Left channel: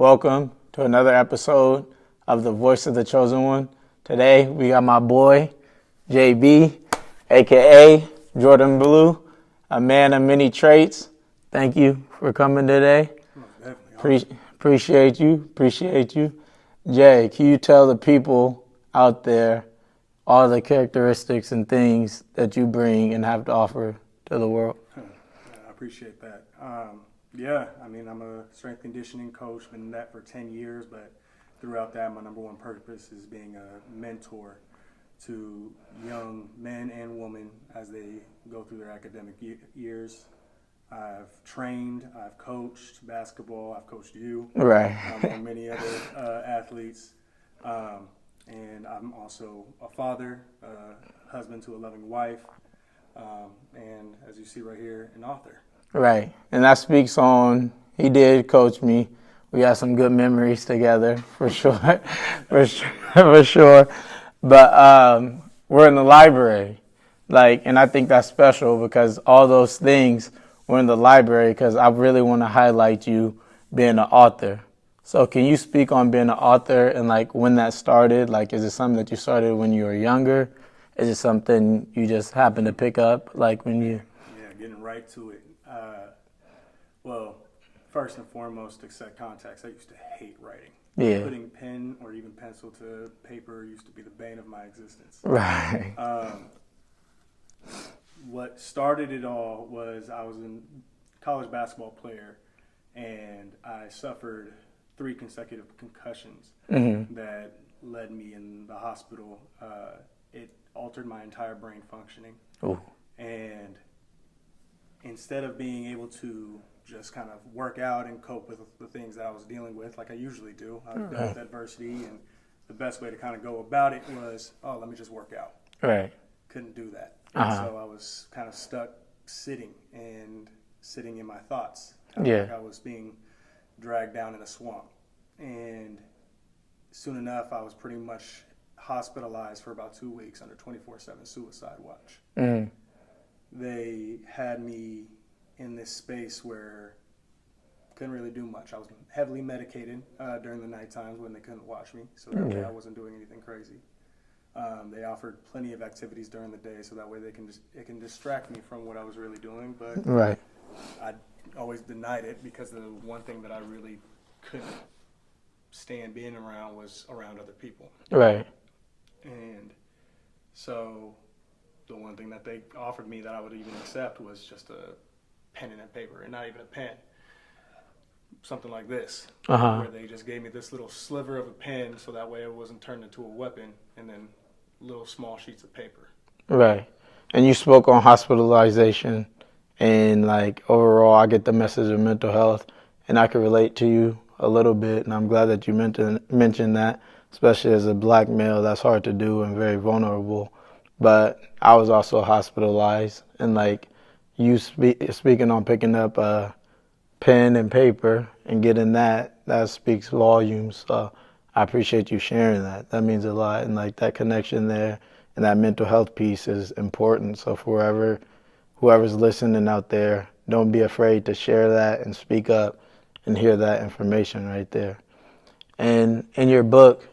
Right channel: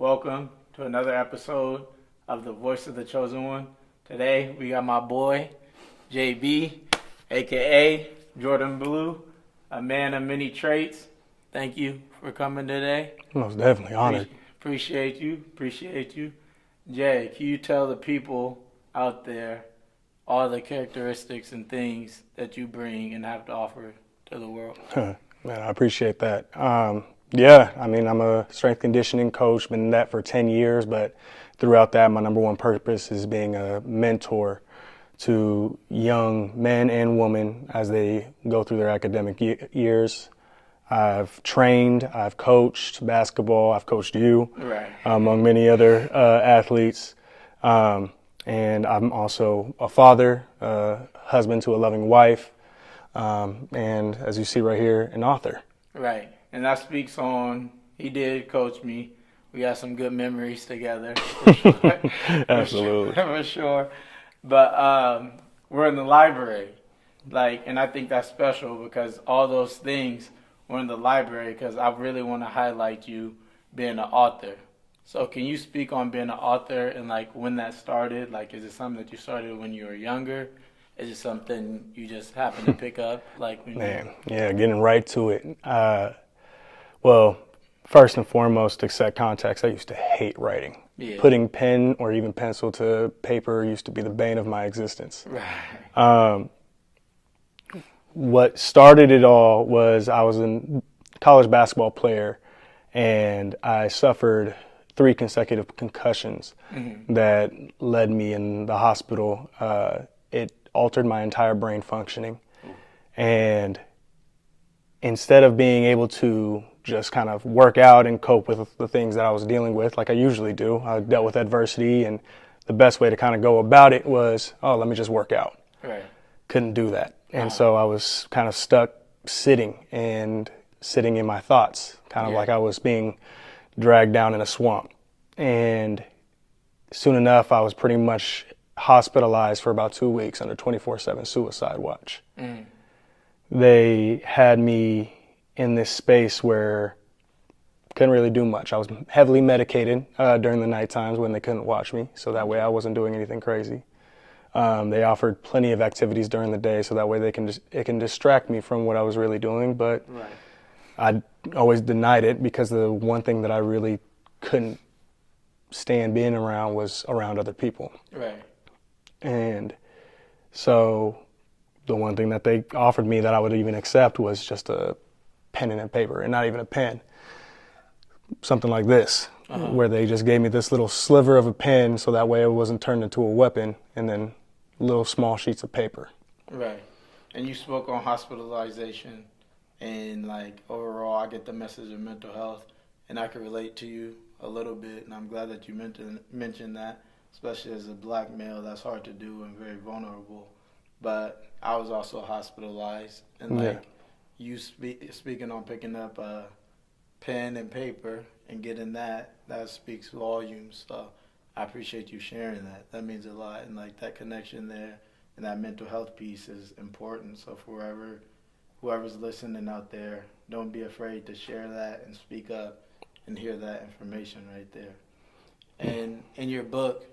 Welcome to another episode of The Voice of the Chosen One. Today we got my boy, JB, aka Jordan Blue, a man of many traits. Thank you for coming today. Most definitely honored. Appreciate you. Jay, can you tell the people out there all the characteristics and things that you bring and have to offer to the world? Man, I appreciate that. I'm a strength conditioning coach, been in that for 10 years, but throughout that, my number one purpose is being a mentor to young men and women as they go through their academic years. I've trained, I've coached basketball, I've coached you, Right. Among many other athletes. And I'm also a father, husband to a loving wife, and as you see right here, an author. Right. And that speaks on, he did coach me. We got some good memories together, for sure. Absolutely. For sure. But we're in the library. And I think that's special because all those things were in the library because I really want to highlight you being an author. So can you speak on being an author and when that started? Is it something that you started when you were younger? Is it something you just happened to pick up Getting right to it. Well, first and foremost, to set context, I used to hate writing. Yeah. Putting pen or even pencil to paper used to be the bane of my existence. Right. What started it all was I was a college basketball player, and I suffered 3 consecutive concussions that led me in the hospital. It altered my entire brain functioning. Ooh. And instead of being able to just kind of work out and cope with the things that I was dealing with like I usually do, I dealt with adversity, and the best way to kind of go about it was, let me just work out. Right. Couldn't do that. And so I was kind of stuck sitting in my thoughts, kind of like I was being dragged down in a swamp. And soon enough, I was pretty much hospitalized for about 2 weeks under 24/7 suicide watch. They had me in this space where couldn't really do much. I was heavily medicated during the night times when they couldn't watch me, so that way I wasn't doing anything crazy. They offered plenty of activities during the day, so that way it can distract me from what I was really doing. But Right. I always denied it because the one thing that I really couldn't stand being around was around other people. Right. And so the one thing that they offered me that I would even accept was just a pen and a paper, and not even a pen. Something like this, where they just gave me this little sliver of a pen so that way it wasn't turned into a weapon, and then little small sheets of paper. Right. And you spoke on hospitalization and overall I get the message of mental health, and I can relate to you a little bit, and I'm glad that you mentioned that, especially as a black male. That's hard to do and very vulnerable. But I was also hospitalized, and you speaking on picking up a pen and paper and getting that speaks volumes. So I appreciate you sharing that. That means a lot, and that connection there and that mental health piece is important. So for whoever's listening out there, don't be afraid to share that and speak up and hear that information right there. And in your book,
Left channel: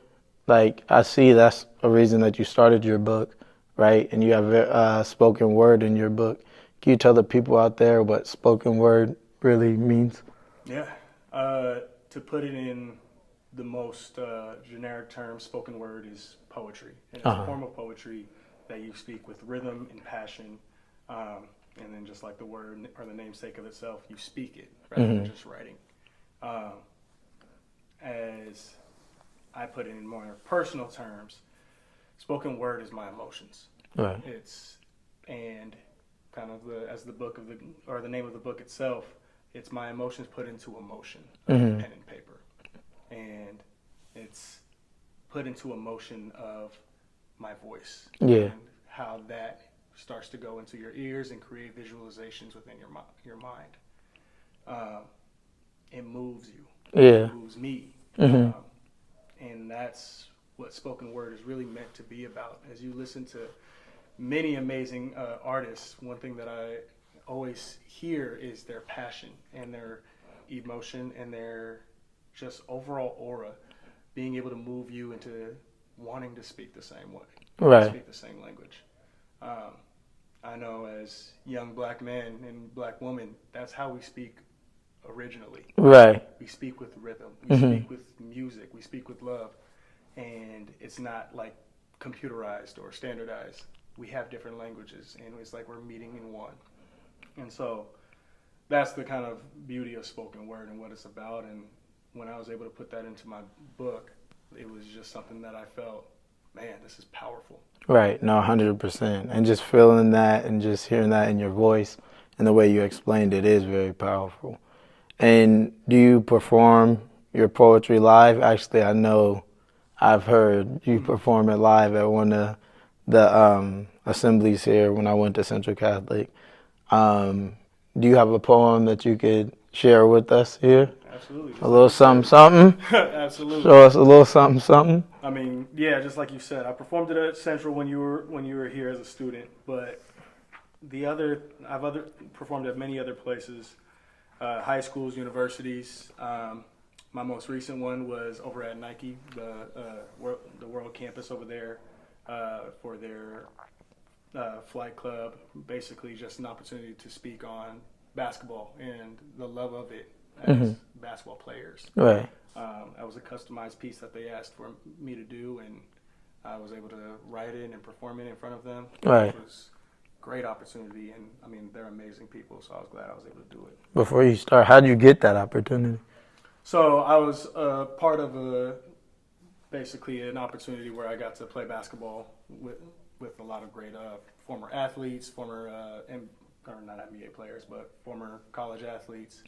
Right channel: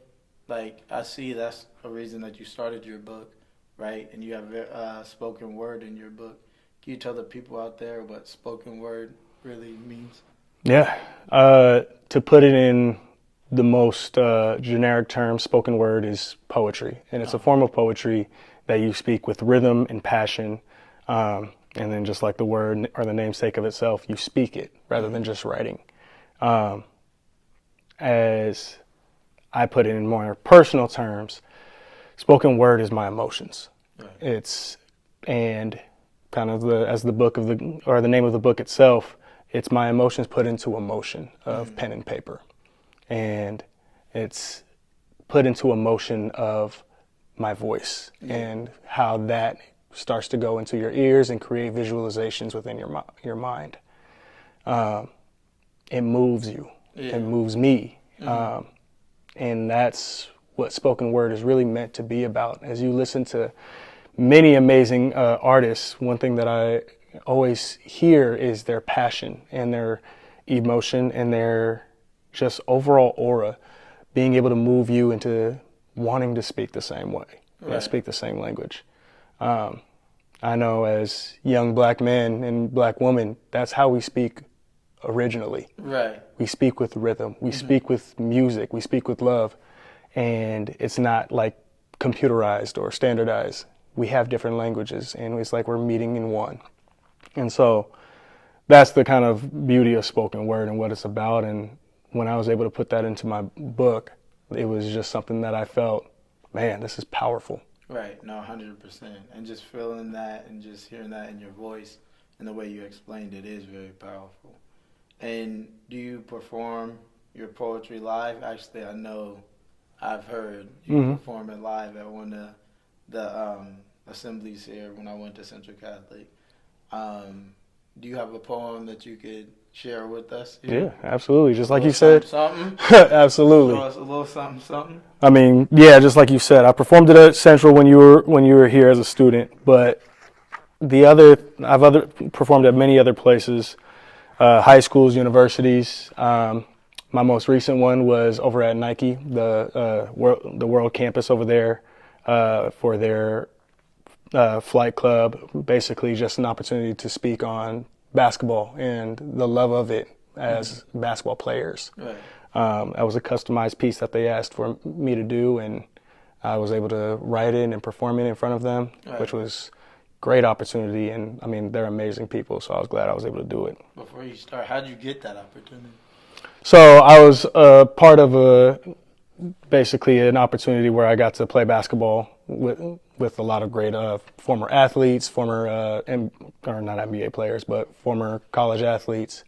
I see that's a reason that you started your book, right? And you have spoken word in your book. Can you tell the people out there what spoken word really means? Yeah. To put it in the most generic term, spoken word is poetry. And it's a form of poetry that you speak with rhythm and passion. And then just like the word or the namesake of itself, you speak it rather than just writing. As I put it in more personal terms, spoken word is my emotions. Right. It's, and kind of the name of the book itself, it's my emotions put into emotion of pen and paper. And it's put into emotion of my voice and how that starts to go into your ears and create visualizations within your mind. It moves you. It moves me. And that's what spoken word is really meant to be about. As you listen to many amazing artists, one thing that I always hear is their passion and their emotion and their just overall aura, being able to move you into wanting to speak the same way, Right. speak the same language. I know as young black men and black women, that's how we speak originally. Right. We speak with rhythm, we speak with music, we speak with love, and it's not like computerized or standardized. We have different languages, and it's like we're meeting in one. And so that's the kind of beauty of spoken word and what it's about. And when I was able to put that into my book, it was just something that I felt, man, this is powerful. Right. No, 100%. And just feeling that and just hearing that in your voice and the way you explained it is very powerful. And do you perform your poetry live? Actually, I know I've heard you perform it live at one of the assemblies here when I went to Central Catholic. Do you have a poem that you could share with us here? Yeah, absolutely. Just A like little you said. something, something? Absolutely. Show us a little something, something? I mean, yeah, just like you said, I performed it at Central when you were here as a student, but I've performed at many other places, high schools, universities. My most recent one was over at Nike, the World Campus over there, for their flight club. Basically, just an opportunity to speak on basketball and the love of it as basketball players. Right. That was a customized piece that they asked for me to do, and I was able to write it and perform it in front of them, Right. which was great opportunity. And I mean, they're amazing people, so I was glad I was able to do it. Before you start, how did you get that opportunity? So I was part of basically an opportunity where I got to play basketball with a lot of great former athletes, or not NBA players, but former college athletes.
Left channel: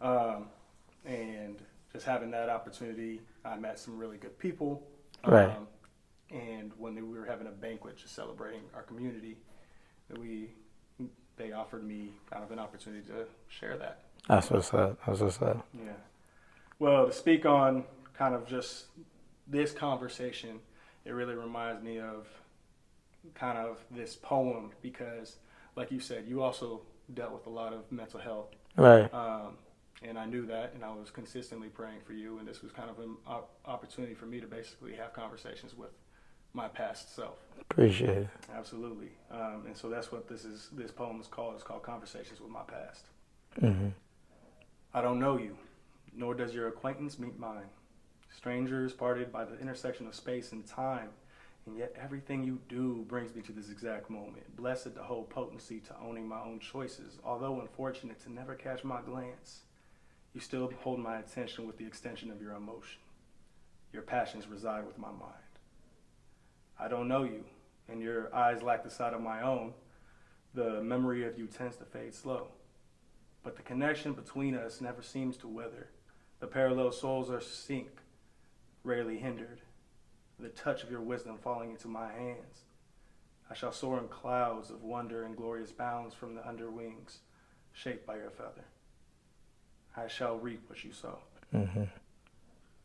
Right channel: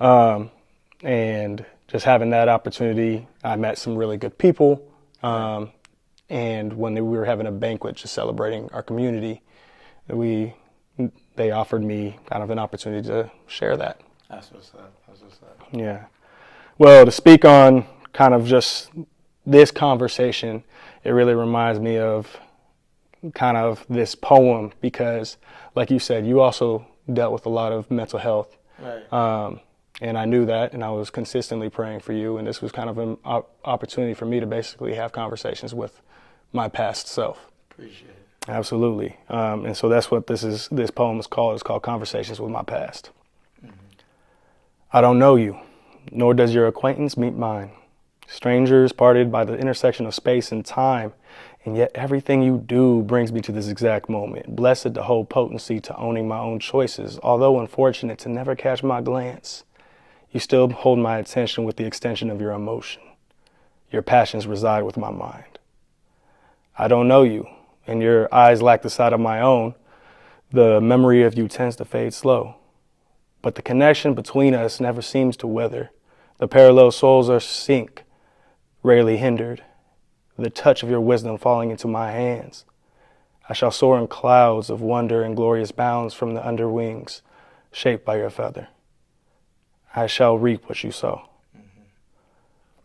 And just having that opportunity, I met some really good people. Right. And when we were having a banquet just celebrating our community, they offered me kind of an opportunity to share that. That's what's up. That's what's up. Yeah. Well, to speak on kind of just this conversation, it really reminds me of kind of this poem because, like you said, you also dealt with a lot of mental health. Right. And I knew that, and I was consistently praying for you, and this was kind of an opportunity for me to basically have conversations with my past self. Appreciate it. Absolutely. And so that's what this poem is called. It's called Conversations with My Past. I don't know you, nor does your acquaintance meet mine. Strangers parted by the intersection of space and time, and yet everything you do brings me to this exact moment. Blessed to hold potency to owning my own choices, although unfortunate to never catch my glance. You still hold my attention with the extension of your emotion. Your passions reside with my mind. I don't know you, and your eyes lack the sight of my own. The memory of you tends to fade slow. But the connection between us never seems to wither. The parallel souls are sync, rarely hindered. The touch of your wisdom falling into my hands. I shall soar in clouds of wonder and glorious bounds from the underwings, shaped by your feather. I shall reap what you sow.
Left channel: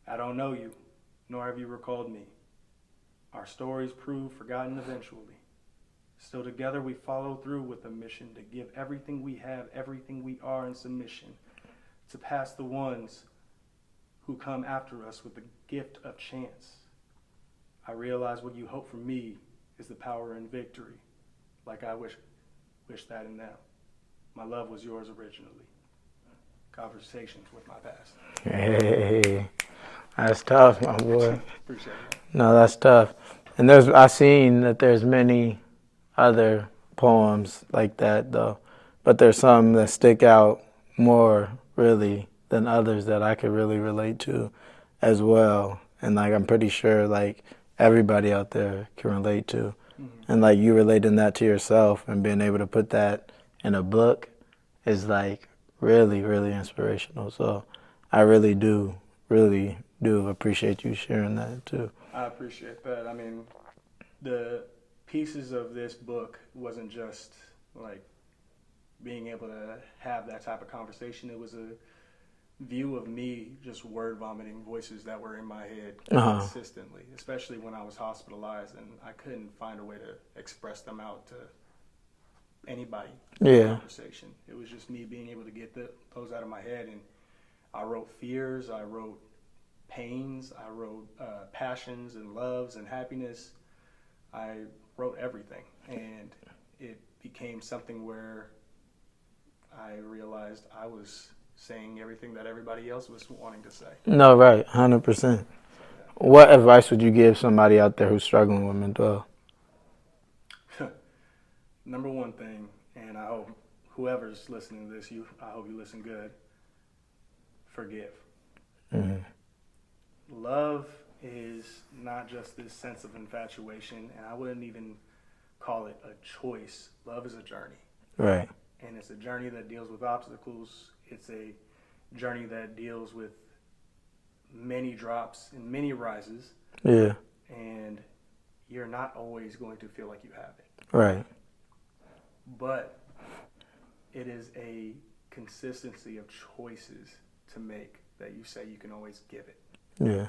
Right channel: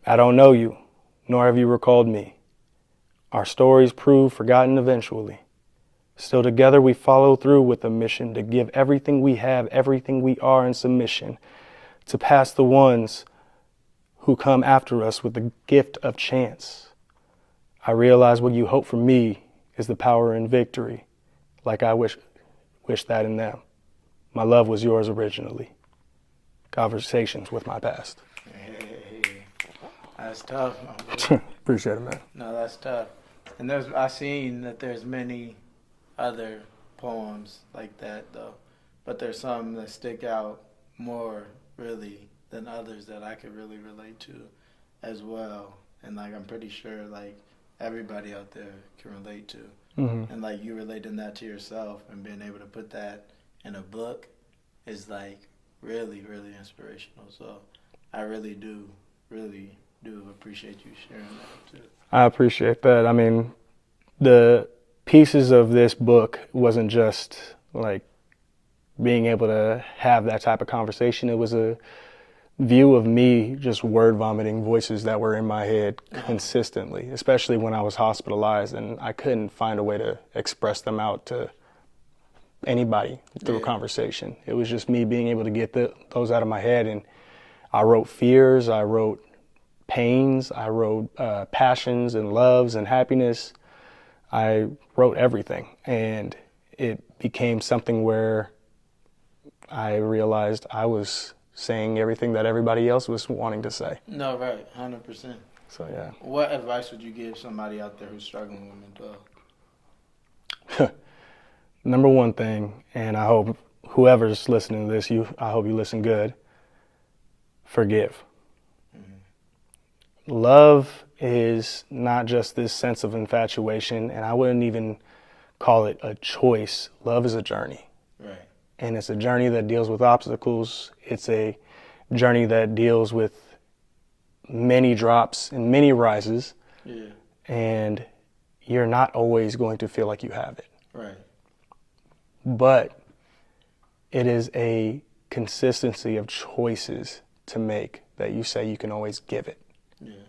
I don't know you, nor have you recalled me. Our stories prove forgotten eventually. Still together we follow through with a mission to give everything we have, everything we are in submission, to pass the ones who come after us with the gift of chance. I realize what you hope for me is the power and victory, like I wish that in them. My love was yours originally. Conversations with my past. Hey, that's tough, my boy. Appreciate it, man. No, that's tough. And I seen that there's many other poems like that though, but there's some that stick out more really than others that I could really relate to as well. And like I'm pretty sure like everybody out there can relate to. And like you relating that to yourself and being able to put that in a book is like really, really inspirational. So I really do appreciate you sharing that too. I appreciate that. I mean, the pieces of this book wasn't just like being able to have that type of conversation. It was a view of me just word vomiting voices that were in my head consistently, especially when I was hospitalized and I couldn't find a way to express them out to anybody through a conversation. It was just me being able to get those out of my head. And I wrote fears, I wrote pains, I wrote passions and loves and happiness. I wrote everything, and it became something where I realized I was saying everything that everybody else was wanting to say. No, right, 100%. So yeah. What advice would you give somebody out there who's struggling with mental health? Number one thing, and I hope whoever's listening to this, I hope you listen good. Forgive. Mm-hmm. Love is not just this sense of infatuation, and I wouldn't even call it a choice. Love is a journey. Right. And it's a journey that deals with obstacles. It's a journey that deals with many drops and many rises. Yeah. And you're not always going to feel like you have it. Right. But it is a consistency of choices to make that you say you can always give it. Yeah.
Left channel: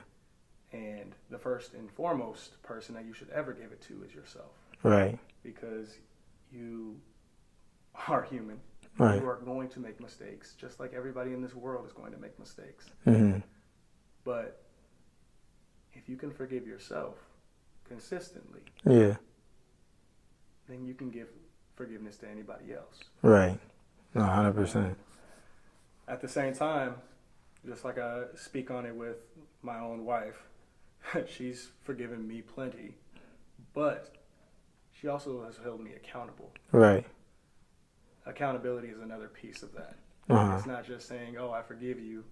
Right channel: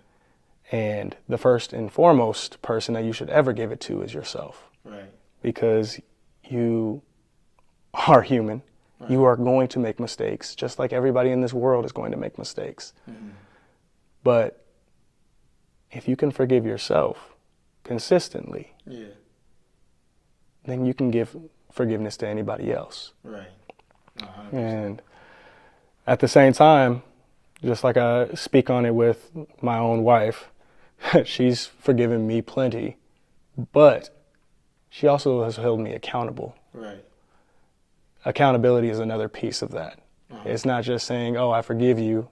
And the first and foremost person that you should ever give it to is yourself. Right. Because you are human. Right. You are going to make mistakes, just like everybody in this world is going to make mistakes. Mm-hmm. But if you can forgive yourself consistently, Yeah. then you can give forgiveness to anybody else. Right. No, 100%. And at the same time, just like I speak on it with my own wife, she's forgiven me plenty, but she also has held me accountable. Right. Accountability is another piece of that. Uh-huh. It's not just saying, oh, I forgive you,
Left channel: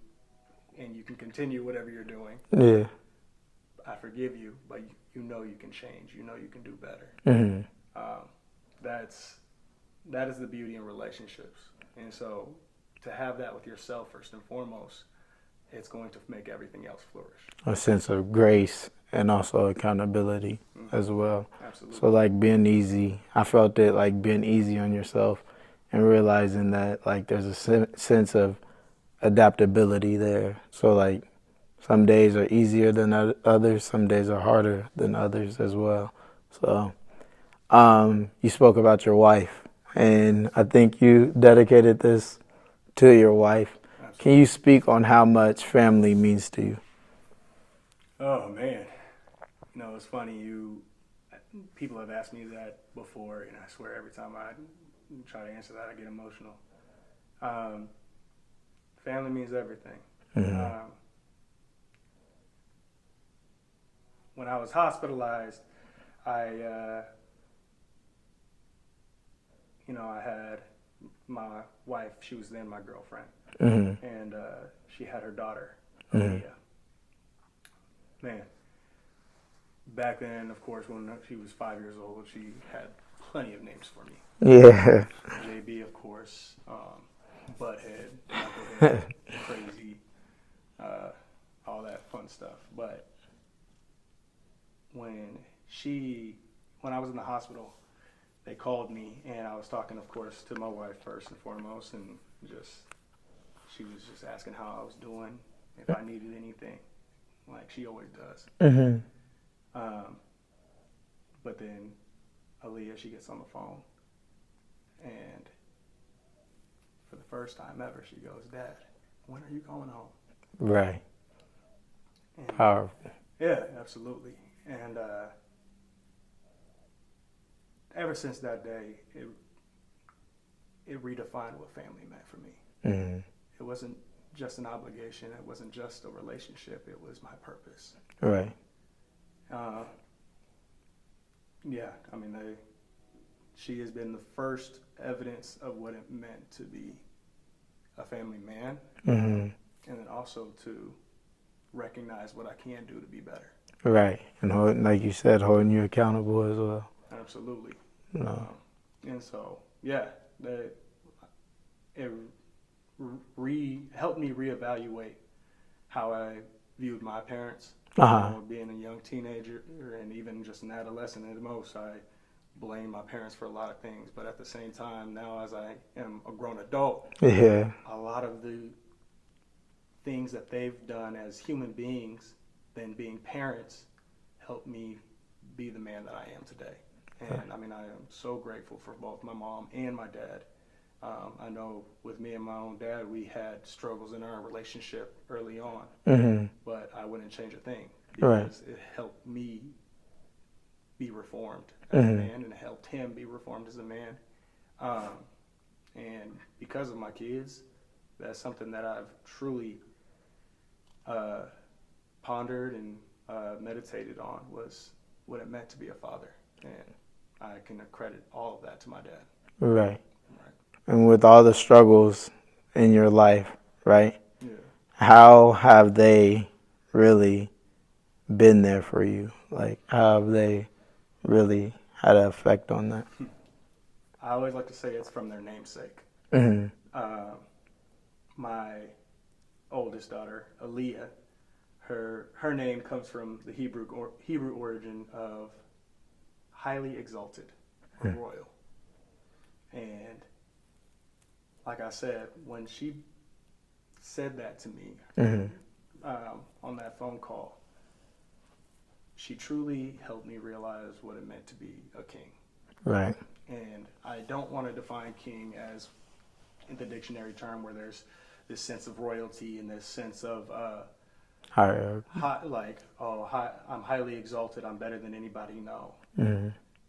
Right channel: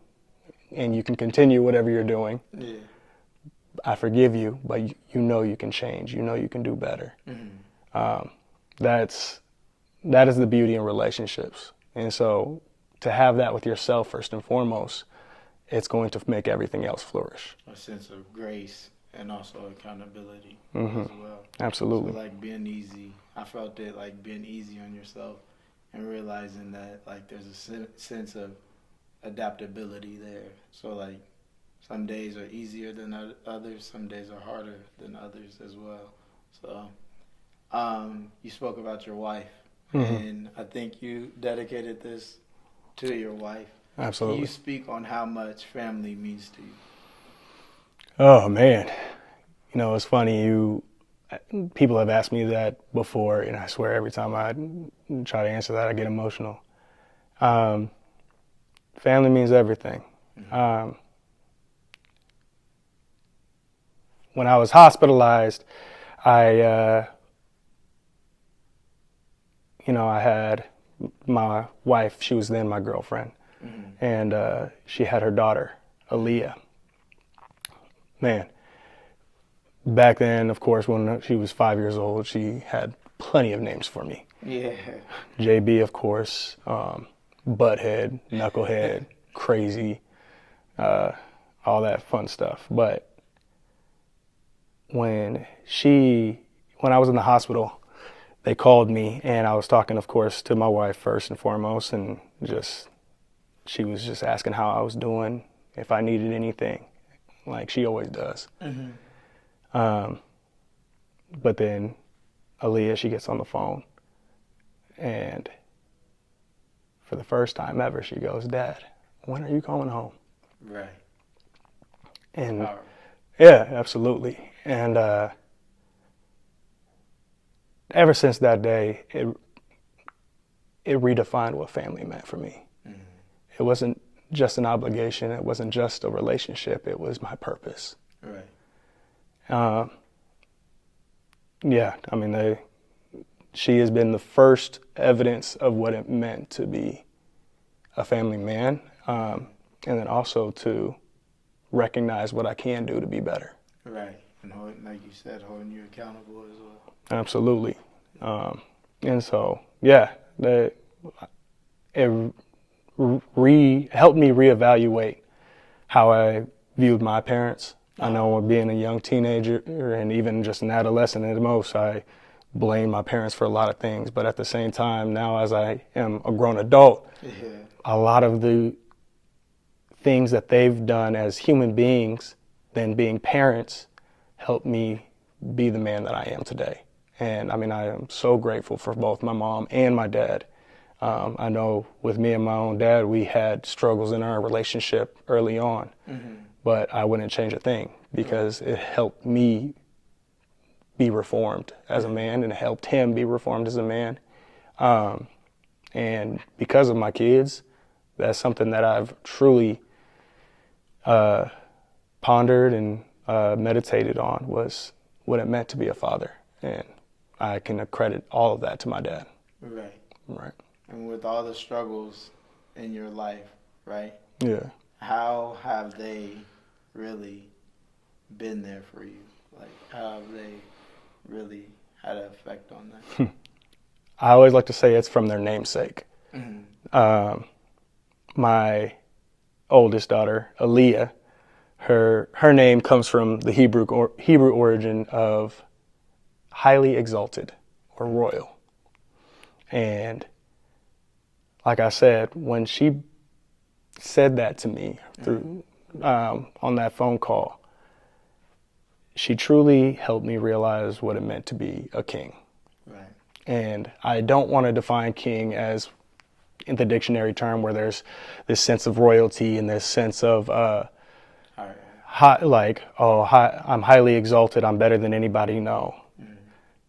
and you can continue whatever you're doing. Yeah. I forgive you, but you know you can change. You know you can do better. Mm-hmm. That is the beauty in relationships. And so to have that with yourself first and foremost, it's going to make everything else flourish. A sense of grace and also accountability as well. Absolutely. So like being easy, I felt it like being easy on yourself and realizing that like there's a sense of adaptability there. So like some days are easier than others, some days are harder than others as well. So you spoke about your wife, and I think you dedicated this to your wife. Absolutely. Can you speak on how much family means to you? Oh man, you know, it's funny. People have asked me that before, and I swear every time I try to answer that, I get emotional. Family means everything. Mm-hmm. When I was hospitalized, I had my wife. She was then my girlfriend, and she had her daughter, Aaliyah. Man, back then, of course, when she was 5 years old, she had plenty of names for me. Yeah. JB, of course, Butthead, Knucklehead, Crazy, all that fun stuff. But when I was in the hospital, they called me, and I was talking, of course, to my wife first and foremost, and she was just asking how I was doing, if I needed anything, like she always does. Mm-hmm. But then Aaliyah, she gets on the phone, and for the first time ever, she goes, "Dad, when are you coming home?" Right. And Powerful. yeah, absolutely. And ever since that day, it redefined what family meant for me. Mm-hmm. It wasn't just an obligation. It wasn't just a relationship. It was my purpose. Right. Yeah, I mean, she has been the first evidence of what it meant to be a family man, and then also to recognize what I can do to be better. Right. And like you said, holding you accountable as well. Absolutely. And so, yeah, it helped me reevaluate how I viewed my parents. You know, being a young teenager and even just an adolescent at most, I blame my parents for a lot of things. But at the same time, now as I am a grown adult, Yeah. a lot of the things that they've done as human beings, then being parents, helped me be the man that I am today. And I mean, I am so grateful for both my mom and my dad. I know with me and my own dad, we had struggles in our relationship early on, but I wouldn't change a thing because it helped me be reformed as a man, and it helped him be reformed as a man. And because of my kids, that's something that I've truly pondered and meditated on, was what it meant to be a father. And I can accredit all of that to my dad. Right. Right. And with all the struggles in your life, right? Yeah. How have they really been there for you? Like, how have they really had an effect on that? I always like to say it's from their namesake. My oldest daughter, Aaliyah, her name comes from the Hebrew origin of highly exalted or royal. And like I said, when she said that to me on that phone call, she truly helped me realize what it meant to be a king. Right. And I don't want to define king as in the dictionary term where there's this sense of royalty and this sense of I'm highly exalted, I'm better than anybody. No.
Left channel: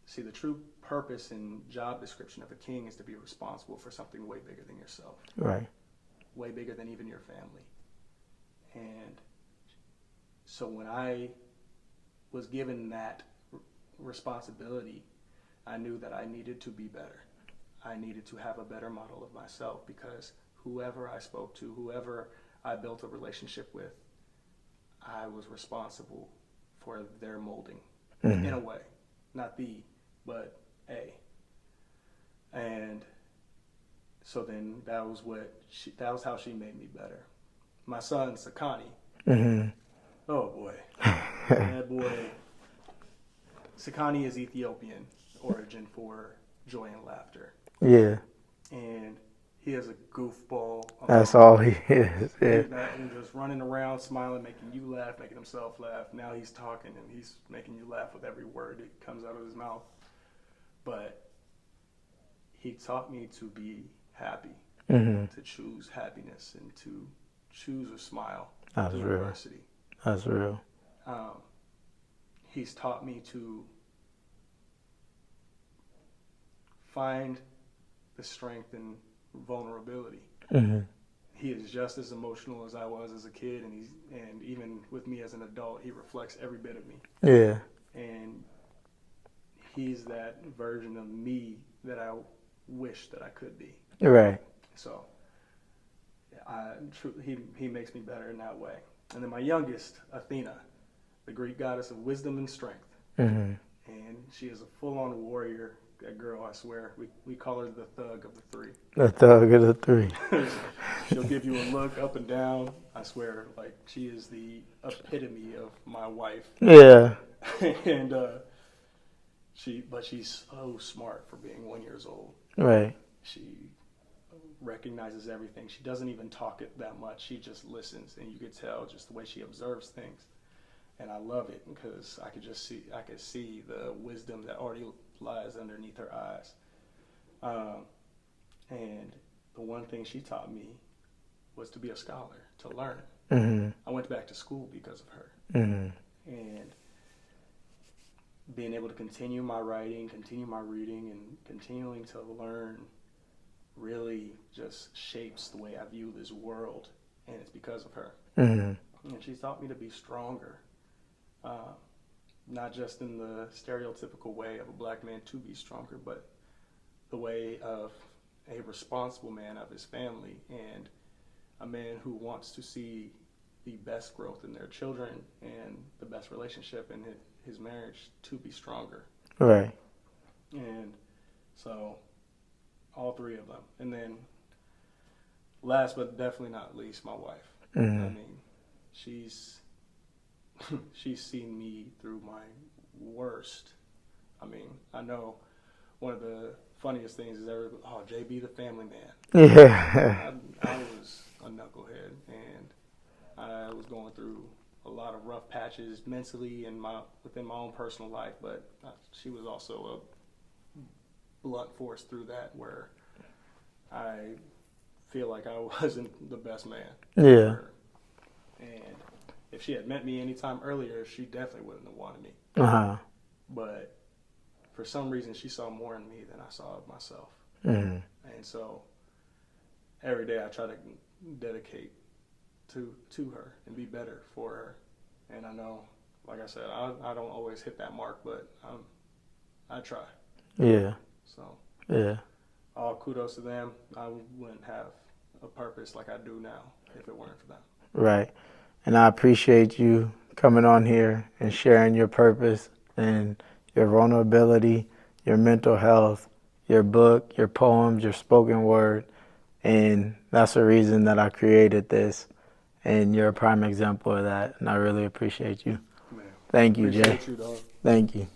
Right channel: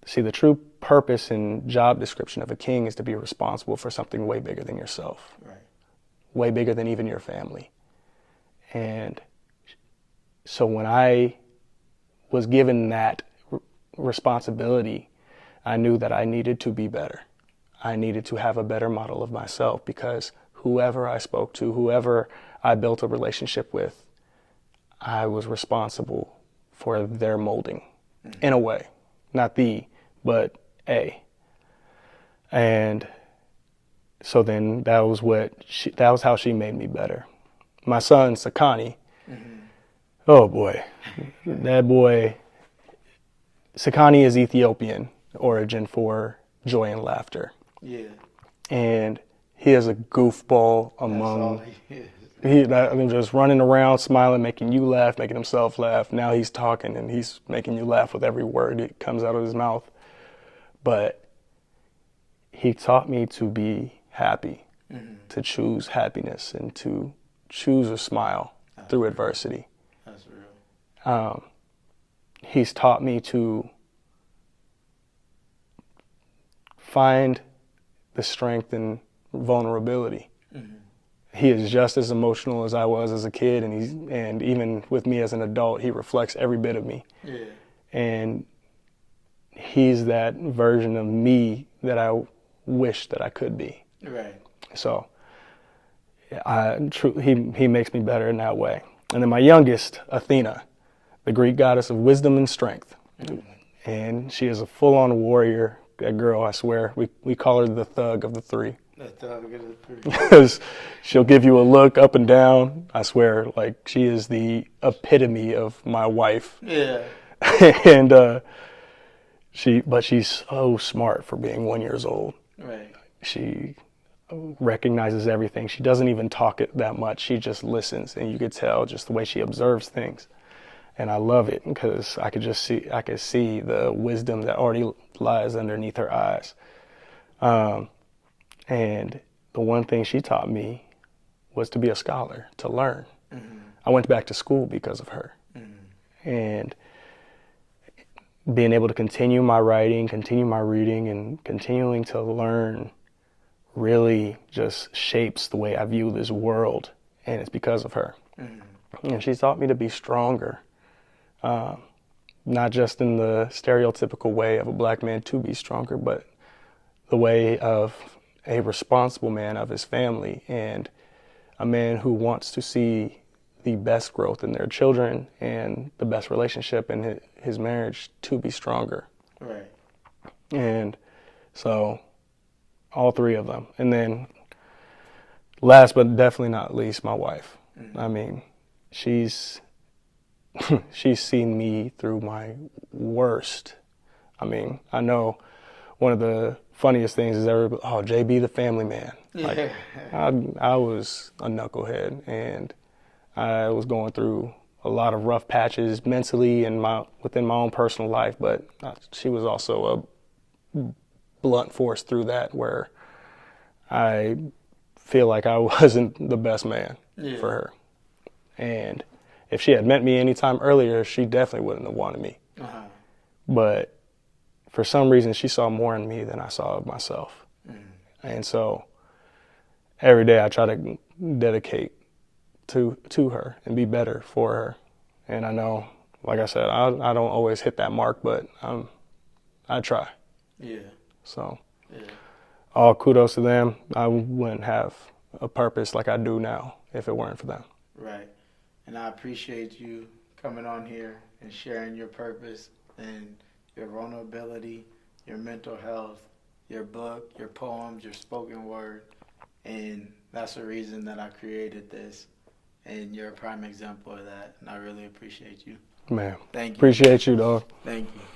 See, the true purpose and job description of a king is to be responsible for something way bigger than yourself. Right. Way bigger than even your family. And so when I was given that responsibility, I knew that I needed to be better. I needed to have a better model of myself, because whoever I spoke to, whoever I built a relationship with, I was responsible for their molding in a way. Not the, but a. And so then that was how she made me better. My son, Sakani, oh boy, that boy, Sakani is Ethiopian origin for joy and laughter. Yeah. And he is a goofball. That's all he is. Just running around, smiling, making you laugh, making himself laugh. Now he's talking and he's making you laugh with every word that comes out of his mouth. But he taught me to be happy, to choose happiness, and to choose a smile through adversity. That's real. He's taught me to find the strength in vulnerability. He is just as emotional as I was as a kid, and even with me as an adult, he reflects every bit of me. Yeah. And he's that version of me that I wish that I could be. Right. So he makes me better in that way. And then my youngest, Athena, the Greek goddess of wisdom and strength. And she is a full-on warrior. That girl, I swear, we call her the thug of the three. The thug of the three. Because she'll give you a look up and down. I swear, like, she is the epitome of my wife. Yeah. And she's so smart for being 1 year old. Right. She recognizes everything. She doesn't even talk it that much. She just listens, and you could tell just the way she observes things. And I love it because I could see the wisdom that already lies underneath her eyes. And the one thing she taught me was to be a scholar, to learn. I went back to school because of her. And being able to continue my writing, continue my reading, and continuing to learn really just shapes the way I view this world. And it's because of her. And she taught me to be stronger. Not just in the stereotypical way of a black man to be stronger, but the way of a responsible man of his family, and a man who wants to see the best growth in their children and the best relationship in his marriage to be stronger. Right. And so all three of them. And then last but definitely not least, my wife. I mean, she's seen me through my worst. I mean, I know one of the funniest things is JB the family man. Yeah. I was a knucklehead, and I was going through a lot of rough patches mentally and within my own personal life, but she was also a blunt force through that, where I feel like I wasn't the best man Yeah. for her. And if she had met me any time earlier, she definitely wouldn't have wanted me. Uh-huh. But for some reason, she saw more in me than I saw of myself. Mm-hmm. And so every day I try to dedicate to her and be better for her. And I know, like I said, I don't always hit that mark, but I try. Yeah. So Yeah. all kudos to them. I wouldn't have a purpose like I do now if it weren't for them. Right. And I appreciate you coming on here and sharing your purpose and your vulnerability, your mental health, your book, your poems, your spoken word. And that's the reason that I created this. And you're a prime example of that. And I really appreciate you. Man, Thank you. appreciate Jay. you, dog. Thank you.